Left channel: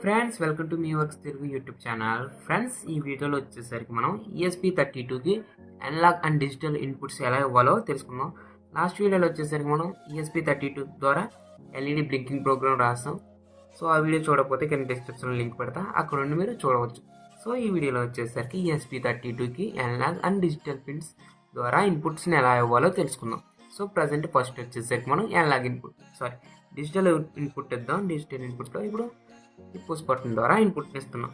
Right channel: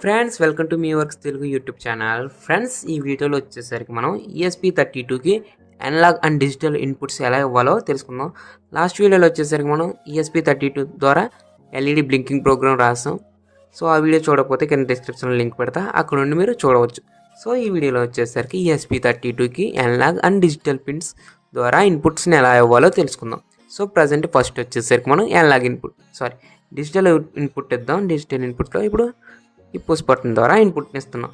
Hi friends, welcome to meworkstelugu YouTube channel. Friends, ఈ వీడియోలో వచ్చేసరికి మనం ESP32కి అనలాగ్ అండ్ డిజిటల్ ఇన్పుట్స్ ఎలా ఇవ్వాలో తెలుసుకుందాం. లాస్ట్ వీడియోలో వచ్చేసరికి మనం ESP32 ద్వారా LED బ్లింకింగ్ ప్రోగ్రామ్ రాసాం. సో ఆ వీడియో చూడకపోతే కింద డిస్క్రిప్షన్లో లింక్ పెడతా, అక్కడ నుండి మీరు చూడవచ్చు. సో ఈ వీడియోలో వచ్చేసరికి ESP32కి అనలాగ్ అండ్ డిజిటల్ పిన్స్ ద్వారా ఇన్పుట్స్ని ఎలా ఇవ్వాలో తెలుసుకుందాం. సో ప్రజెంట్ ఫస్ట్ వచ్చేసరికి మనం అనలాగ్ డిజిటల్ ఇన్పుట్ ఇద్దాం. డిజిటల్ ఇన్పుట్లో ఇప్పుడు ఈ పుష్ బటన్ ద్వారా ఇన్పుట్ని ఇస్తున్నాం.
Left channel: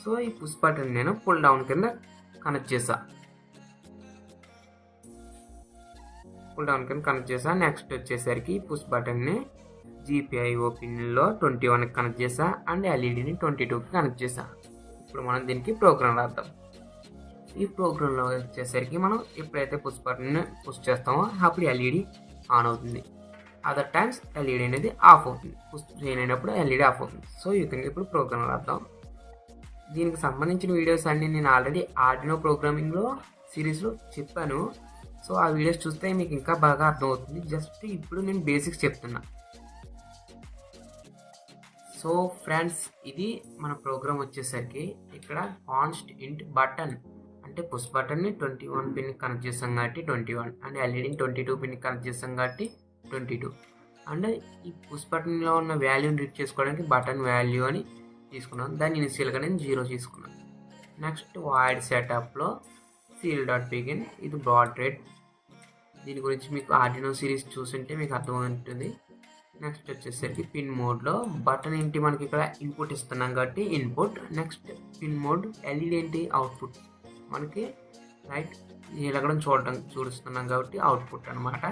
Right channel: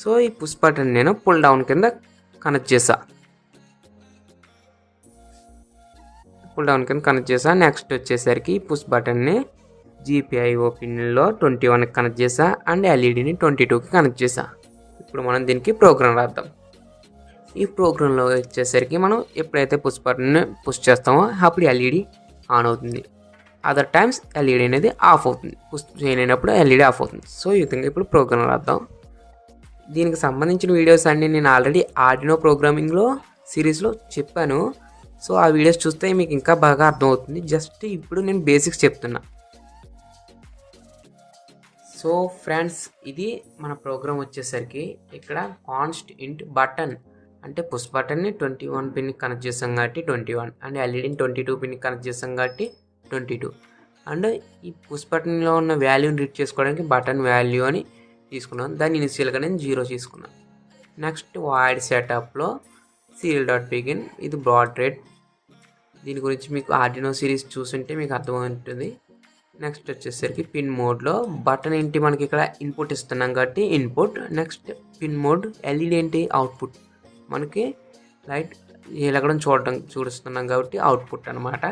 సో ఈ పుష్ బటన్ నేను పుల్ డౌన్ కింద కనెక్ట్ చేసా. నెక్స్ట్ వచ్చేసరికి ఈ పుష్ బటన్ని GPIO పిన్లో 21కి కనెక్ట్ చేసా అండ్ LEDని 22కి కనెక్ట్ చేసా. ఇప్పుడు మనం దీనికి ప్రోగ్రామ్ రాద్దాం. ఈ ప్రోగ్రాంలో వచ్చేసరికి మనం ఎప్పుడైతే పుష్ బటన్ని పుష్ చేస్తామో అప్పుడు LED ఆన్ అవుతుంది. అదర్ టైమ్స్ LED అనేది ఆఫ్ అవుతుంది. పుష్ చేయలేనప్పుడు LED ఆఫ్ అవుతుంది. సో ఈ విధంగా ఇప్పుడు ప్రోగ్రామ్ రాద్దాం. దీనికి సంబంధించిన వీడియోస్ అన్నీ నేను ఆల్రెడీ ఆర్డినో ప్రోగ్రామింగ్లో సిరీస్లో చెప్పాను. సో ఆ వీడియోస్ చూస్తే మీకు ఇంకా బాగా అర్థమవుతుంది. జస్ట్ ఇప్పుడు నేను బేసిక్స్ చెప్తున్నా. సో ఫ్రెండ్స్, ఇది మన ప్రోగ్రామ్ వచ్చేసరికి ఇక్కడ కాన్స్ట్ ఇంట్ బటన్ అంటే పుష్ బటన్ని 21 పిన్కి కనెక్ట్ చేసాం కాబట్టి 21 అండ్ LEDని 22 పిన్కి కనెక్ట్ చేసాం కాబట్టి 22 అండ్ ఈ పుష్ బటన్లో ఉన్న వాల్యూని రీడ్ చేసుకోవడానికి బటన్ వాల్యూ అని తీసుకున్నాను. దాన్ని ఇనిషియల్గా నేను 0 తీసుకున్నాను. నెక్స్ట్ వాయిడ్ సెటప్లో serial.begin ఇది బ్రాడ్ రేట్. దీని గురించి మీకు ఆర్డినో సిరీస్ చూస్తుంటే మీకు అర్థమవుతుంది. నెక్స్ట్ వచ్చేసరికి పిన్ మోడ్లో బటన్ ఏంటి, మనకి ఇక్కడ ఇన్పుట్ ఇస్తున్నాం కాబట్టి input. Next pin mode LED ఏంటి, అవుట్పుట్. మనకి లైట్ ఎలగడం చూస్తున్నాం కాబట్టి అవుట్పుట్ అనమాట.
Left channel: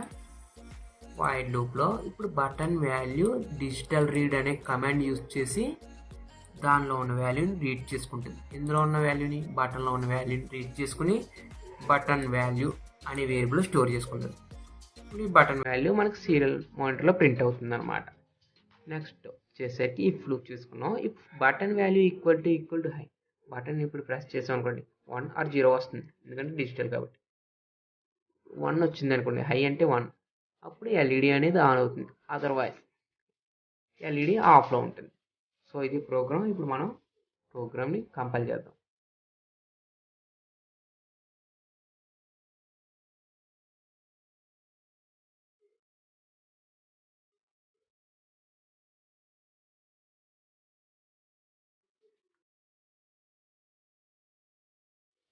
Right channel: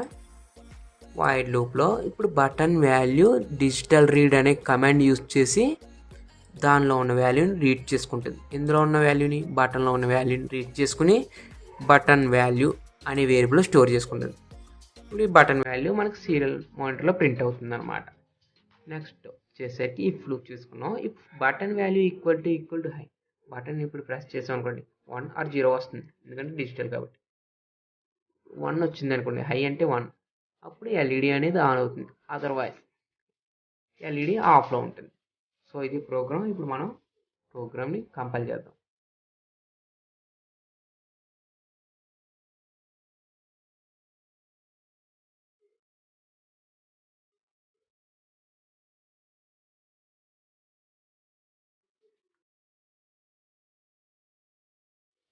వైడ్ లూప్లో ఇప్పుడు బటన్ వాల్యూ డిజిటల్ రీడ్ అనే కమాండ్ యూజ్ చేసి దానిలో ఉన్న వాల్యూని రీడ్ చేసుకుంటుంది. ఇందులో ఉన్న వాల్యూని బటన్లో ఉన్న వాల్యూని రీడ్ చేసుకుని బటన్ వాల్యూ అనే వేరియబుల్ స్టోర్ చేసుకుంటుంది. ఇప్పుడు ఈ బటన్ వాల్యూ మనకు సీరియల్ మానిటర్లో ప్రింట్ అవుతుంది అనమాట. నెక్స్ట్ వచ్చేసరికి ఇఫ్ లూప్ చేసుకున్నాం. If button value equal to high, button ఇప్పుడు ప్రెస్ చేసాం అనుకోండి 1 or 0 వస్తుంది, ఎందుకంటే డిజిటల్ కాబట్టి. 1 వచ్చింది అనుకోండి, హై అంటే 1, అప్పుడు LED అనేది ఆన్ అవుతుంది. అదర్వైజ్ LED ఆఫ్లో ఉంటుంది. సో ఇది ప్రోగ్రామ్. ఇప్పుడు మనం ప్రోగ్రామ్ని కంపైల్ చేద్దాం.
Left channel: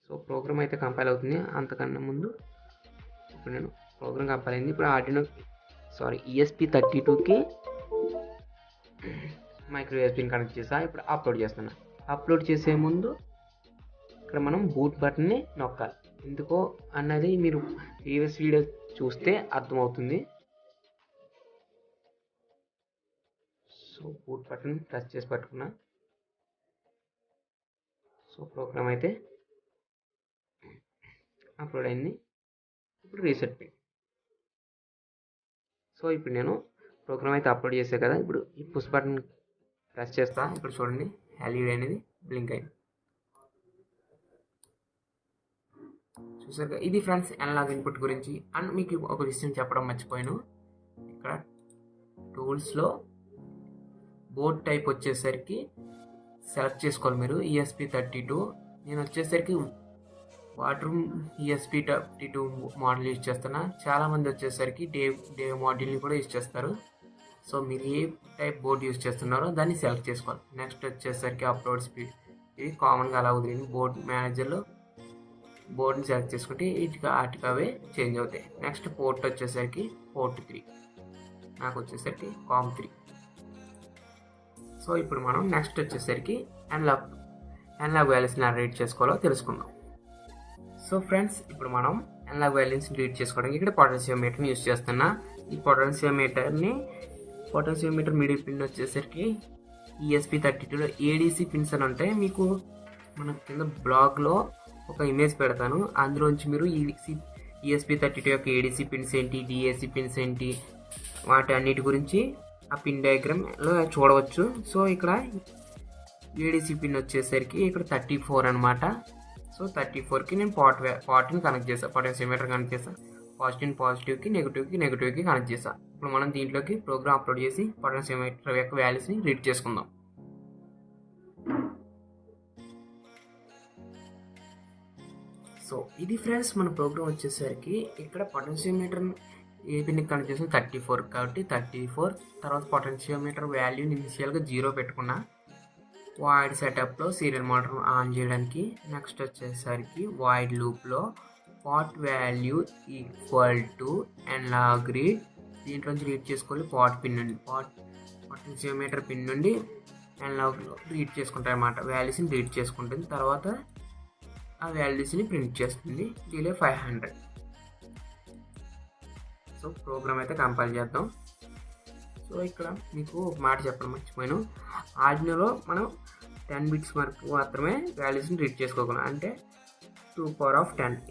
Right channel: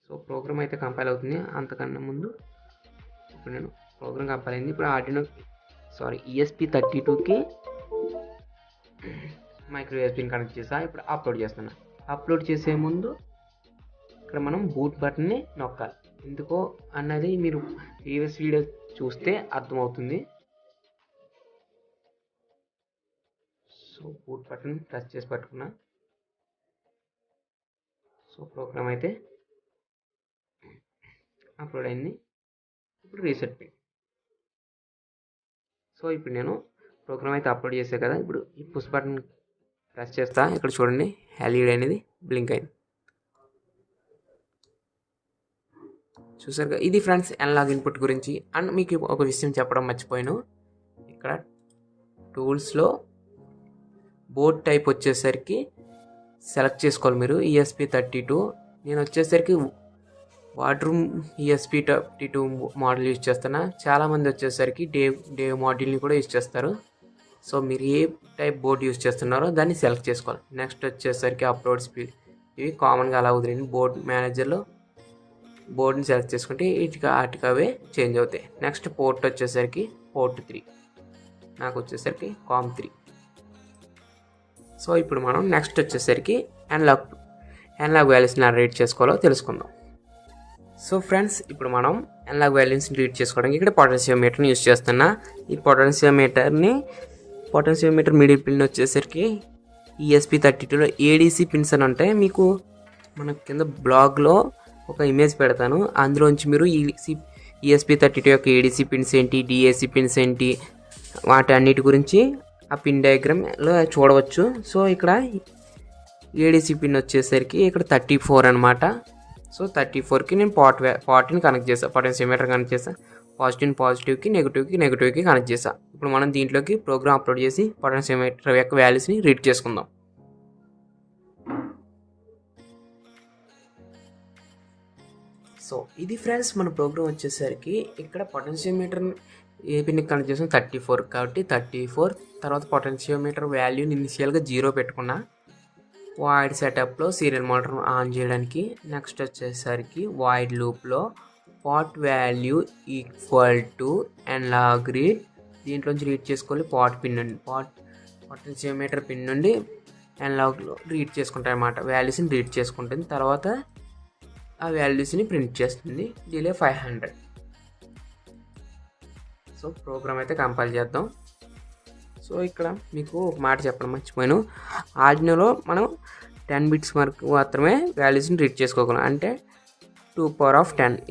సో ప్రోగ్రామ్ అయితే కంపైల్ అవుతుంది. అంతకన్నా ముందు ఇప్పుడు నేను ప్రోగ్రామ్ కంపైల్ అయింది. ఇప్పుడు ఆర్డినో ESP32కి మైక్రో USBని కనెక్ట్ చేసా. ఇప్పుడు అప్లోడ్ చేస్తున్నా. అప్లోడ్ చేసే ముందు ఇక్కడ మనం బూట్ బటన్ని నొక్కాలి. ఎందుకో అన్నది మీరు ప్రీవియస్ వీడియో చూస్తే అర్థమవుతుంది. సో బూట్ బటన్ ప్రెస్ చేసి పట్టుకున్నా. సో ప్రోగ్రామ్ అయితే అప్లోడ్ అయింది. ఇప్పుడు రీసెట్ పిన్. సో ఇప్పుడు నేను ప్రోగ్రామ్ అయితే అప్లోడ్ చేసా కదా. ఇప్పుడు ఈ పుష్ బటన్ ప్రెస్ చేస్తా. ఇక్కడ చూడండి LED అనేది బ్లింక్ అయింది. చూసారుగా, ఇది ఫ్రెండ్స్ అనలాగ్ ఇన్పుట్ గురించి. అండ్ మీకు ఒక విషయం చెప్పడం మర్చిపోయాను. ఇక్కడ టూల్స్లో బోర్డ్ టైప్ వచ్చేసరికి సెలెక్ట్ చేసుకోవాలి మీరు. ESP32 నేను వచ్చేసరికి వాడ్రూమ్ ESP32 మోడల్ యూజ్ చేస్తున్నా. చాలామంది వచ్చేసరికి డేవ్ మోడల్ని కూడా యూజ్ చేస్తారు. సో మీరు ఏ టైప్ బోర్డ్ యూజ్ చేస్తున్నారో దాన్ని సెలెక్ట్ చేసుకోవాలి. నెక్స్ట్ వచ్చేసరికి అప్లోడ్ స్పీడ్, ఇవి కామన్గా అలా వదిలేండి. బోర్డ్ మేనేజర్లో బోర్డ్ని సెలెక్ట్ చేసుకుంటే వాటికి అవే చేంజ్ అవుతాయి. నెక్స్ట్ పోర్ట్ వచ్చేసరికి పోర్ట్ 3, నాకు వచ్చేసరికి COM3. సో ఇప్పుడు మనం నెక్స్ట్ వచ్చేసరికి అనలాగ్ వాల్యూస్ని రీడ్ చేసుకోవాలో తెలుసుకుందాం. సో ఫ్రెండ్స్, ఇప్పుడు మనం అనలాగ్ వాల్యూస్ని రీడ్ చేసుకోవడానికి ఇక్కడ పొటెన్షియోమీటర్ని యూజ్ చేస్తున్నా. ఈ పొటెన్షియోమీటర్ మిడిల్ పిన్ వచ్చేసరికి ESP32లో ADC పిన్స్ అని ఉంటాయి. మీకు మన కింద బ్లాగ్లో ఒక ఇమేజ్ పెడతాను. అందులోంచి మీరు ESP32 యొక్క ADC పిన్స్ ఏంటి, DAC పిన్స్ ఏంటి, వాటి అన్నిటి గురించి ఆ పిన్ డయాగ్రామ్లో చూడవచ్చు. సో ఇక్కడ ADC పిన్ వచ్చేసరికి ఇక్కడ 34 అనమాట. సో 34కి నేను పార్ట్ని కనెక్ట్ చేసాను. పొటెన్షియోమీటర్ కనెక్ట్ చేసాను. పాజిటివ్కి నెగిటివ్కి కనెక్ట్ చేసాను. ఇప్పుడు మనం దీంట్లోకి ప్రోగ్రామ్ అప్లోడ్ చేసి పొటెన్షియోమీటర్ యొక్క వాల్యూస్ని రీడ్ చేసుకుందాం. సో ఇది ఫ్రెండ్స్ మన ప్రోగ్రామ్ వచ్చేసరికి ఇక్కడ పొటెన్షియోమీటర్ ఏ పిన్కి కనెక్ట్ చేసాం 34 కాబట్టి 34 తర్వాత పొటెన్షియోమీటర్ వాల్యూని ఇనిషియల్గా 0 పెట్టుకున్నా. వాయిడ్ సెటప్లో సీరియల్ మోటార్ ఆన్ చేయడానికి నెక్స్ట్ వచ్చేసరికి వాయిడ్ లూప్లో pot value equal to analog read దీంట్లోంచి రీడ్ చేసుకోవాలి. పాట్ పిన్ నుండి పొటెన్షియోమీటర్ పిన్ నుండి ఎన్లాగ్లో రీడ్ చేసుకుంటారు అన్నమాట. వాల్యూస్ని రీడ్ చేసుకుంటుంది, తర్వాత ఆ వాల్యూస్ని ప్రింట్ చేస్తుంది. డిలే 500. సో ప్రోగ్రామ్ అయితే కంపైల్ చేద్దాం. సో ఇక్కడ మీకు ఒక మాట చెప్పడం మర్చిపోయాను. ఆర్డినోలో మనం 10 బిట్స్ వరకు మాత్రమే వాల్యూస్ని రీడ్ చేసుకోగలం. అంటే 2^10 =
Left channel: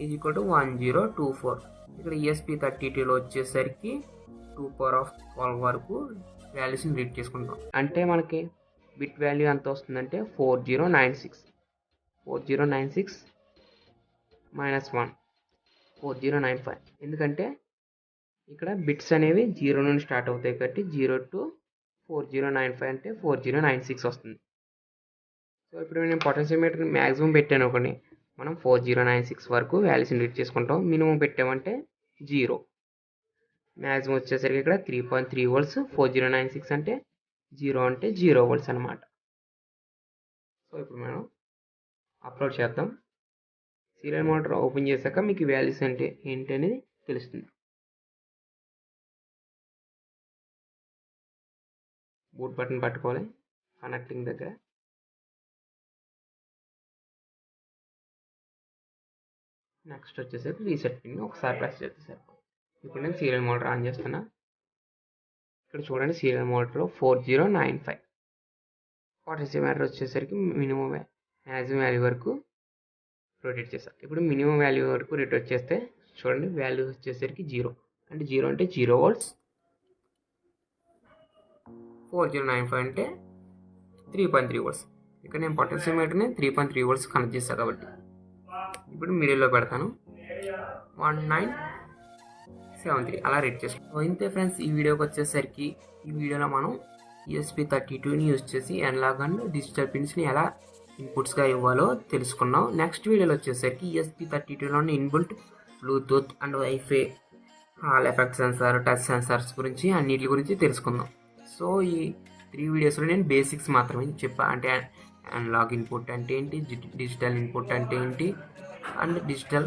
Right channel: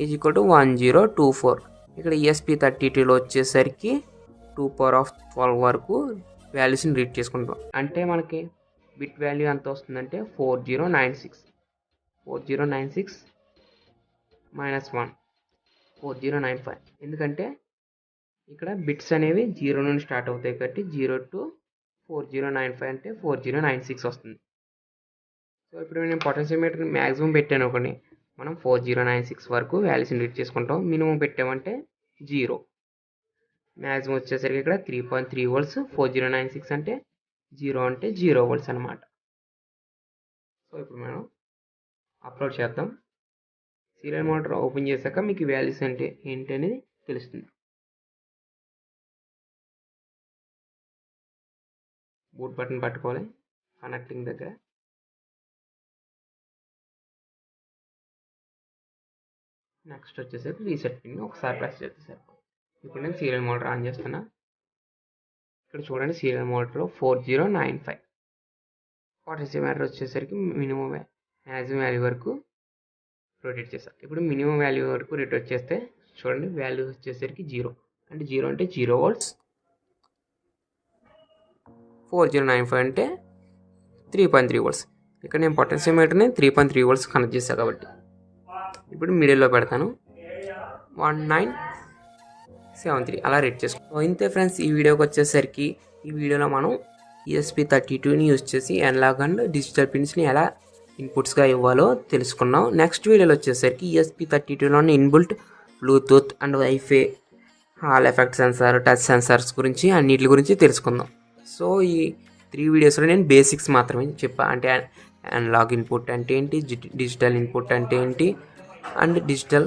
1024. ఇక్కడ ESP32లో వచ్చేసరికి 2^12 వరకు వాల్యూస్ని రీడ్ చేసుకుంటాం. అంటే మనకి బిట్ వాల్యూ ఎంత వస్తుందంటే 4096 -1 4095. ఎందుకంటే ఇక్కడ బిట్స్ అనేవి 0 నుండి స్టార్ట్ అవుతాయి కాబట్టి 0 to 4095 అంటే 4096 వస్తుంది. సో ఇప్పుడు నేను పొటెన్షియోమీటర్ మ్యాక్సిమం పెట్టాను ఒకటి, మనం 4096 వరకు వాల్యూస్ని రీడ్ చేసుకుంటాం. మినిమం పెట్టామంటే 0. మ్యాక్సిమం వచ్చేసరికి ఇక్కడ 3.3 volts. 4096 అంటే 0 అంటే 0 volts అనమాట. సో ఇప్పుడు మనం అప్లోడ్ చేద్దాం. సీరియల్ మోటార్ ఓపెన్ చేశాక మీకు వాల్యూస్ అంటే ఏంటి అనేది తెలుస్తుంది. బూట్ బటన్ పట్టుకోవాలి కనెక్టింగ్ దగ్గర. నెక్స్ట్ వచ్చేసరికి రీసెట్ పిన్ ఒకసారి ప్రెస్ చేస్తే సరిపోతుంది. ఇప్పుడు నేను సీరియల్ మోటార్ ఆన్ చేస్తున్నా. ఇక్కడ చూడండి సీరియల్ మోటార్ 4095. పొటెన్షియోమీటర్ వచ్చేసరికి మినిమం మ్యాక్సిమం వాల్యూ వరకు రొటేట్ చేస్తాను. ఇప్పుడు మినిమం వాల్యూ వరకు రొటేట్ చేస్తే చూడండి వాల్యూ వచ్చేసరికి 0 అంటే 0 అంటే 0 volts. 4095 అంటే 3.3 volts. ఇక్కడ నేను పొటెన్షియోమీటర్ని 3.3 volts కనెక్ట్ చేశాను కాబట్టి ఇప్పుడు మిడిల్లో పెడతాను. 1973 అలా రేట్ చేసుకో. ఇంతే ఫ్రెండ్స్, ఈ వీడియోకి వచ్చేసరికి ఈ వీడియోలో మనం ESP32ని యూజ్ చేసి అనలాగ్ అండ్ డిజిటల్ పిన్స్ని ఎలా ఇన్పుట్స్గా ఇవ్వాలో తెలుసుకున్నాం. నెక్స్ట్ వీడియోలో వచ్చేసరికి ESP32లోని inbuilt Bluetooth and wifi, Hall effect sensor, touch sensors గురించి అన్నిటి గురించి తెలుసుకుందాం. సో ఈ 3 వీడియోస్లో నేను బేసిక్స్ మాత్రమే చెప్పా. అంటే అనలాగ్ ఇన్పుట్ అంటే ఏంటి, డిజిటల్ ఇన్పుట్ అంటే ఏంటి, అండ్ డిజిటల్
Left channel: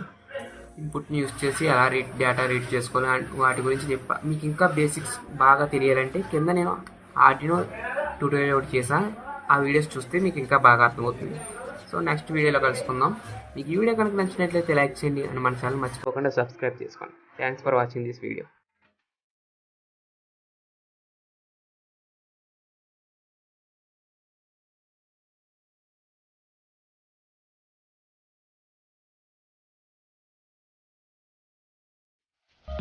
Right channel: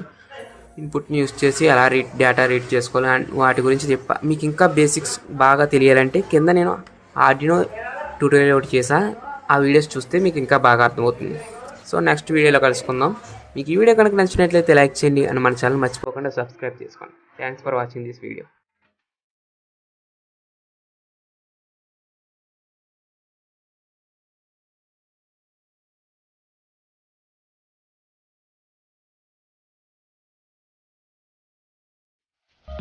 ఇన్పుట్ని యూజ్ చేసి ఎలా డేటా రీడ్ చేసుకోవాలి అండ్ వాటి గురించి చెప్పా. మీకు ఇంకా బేసిక్స్ బాగా తెలియాలంటే కింద నేను ఆర్డినో ట్యూటోరియల్ ఒకటి చేసా, ఆ వీడియోస్ చూస్తే మీకు ఇంకా బాగా అర్థమవుతుంది. సో నెక్స్ట్ వీడియోలో కలుసుకుందాం. మీకు ఈ వీడియో కనుక నచ్చినట్లయితే లైక్ చేయండి అండ్ మన ఛానల్ మర్చిపోకుండా సబ్స్క్రైబ్ చేసుకోండి. Thanks for watching this video.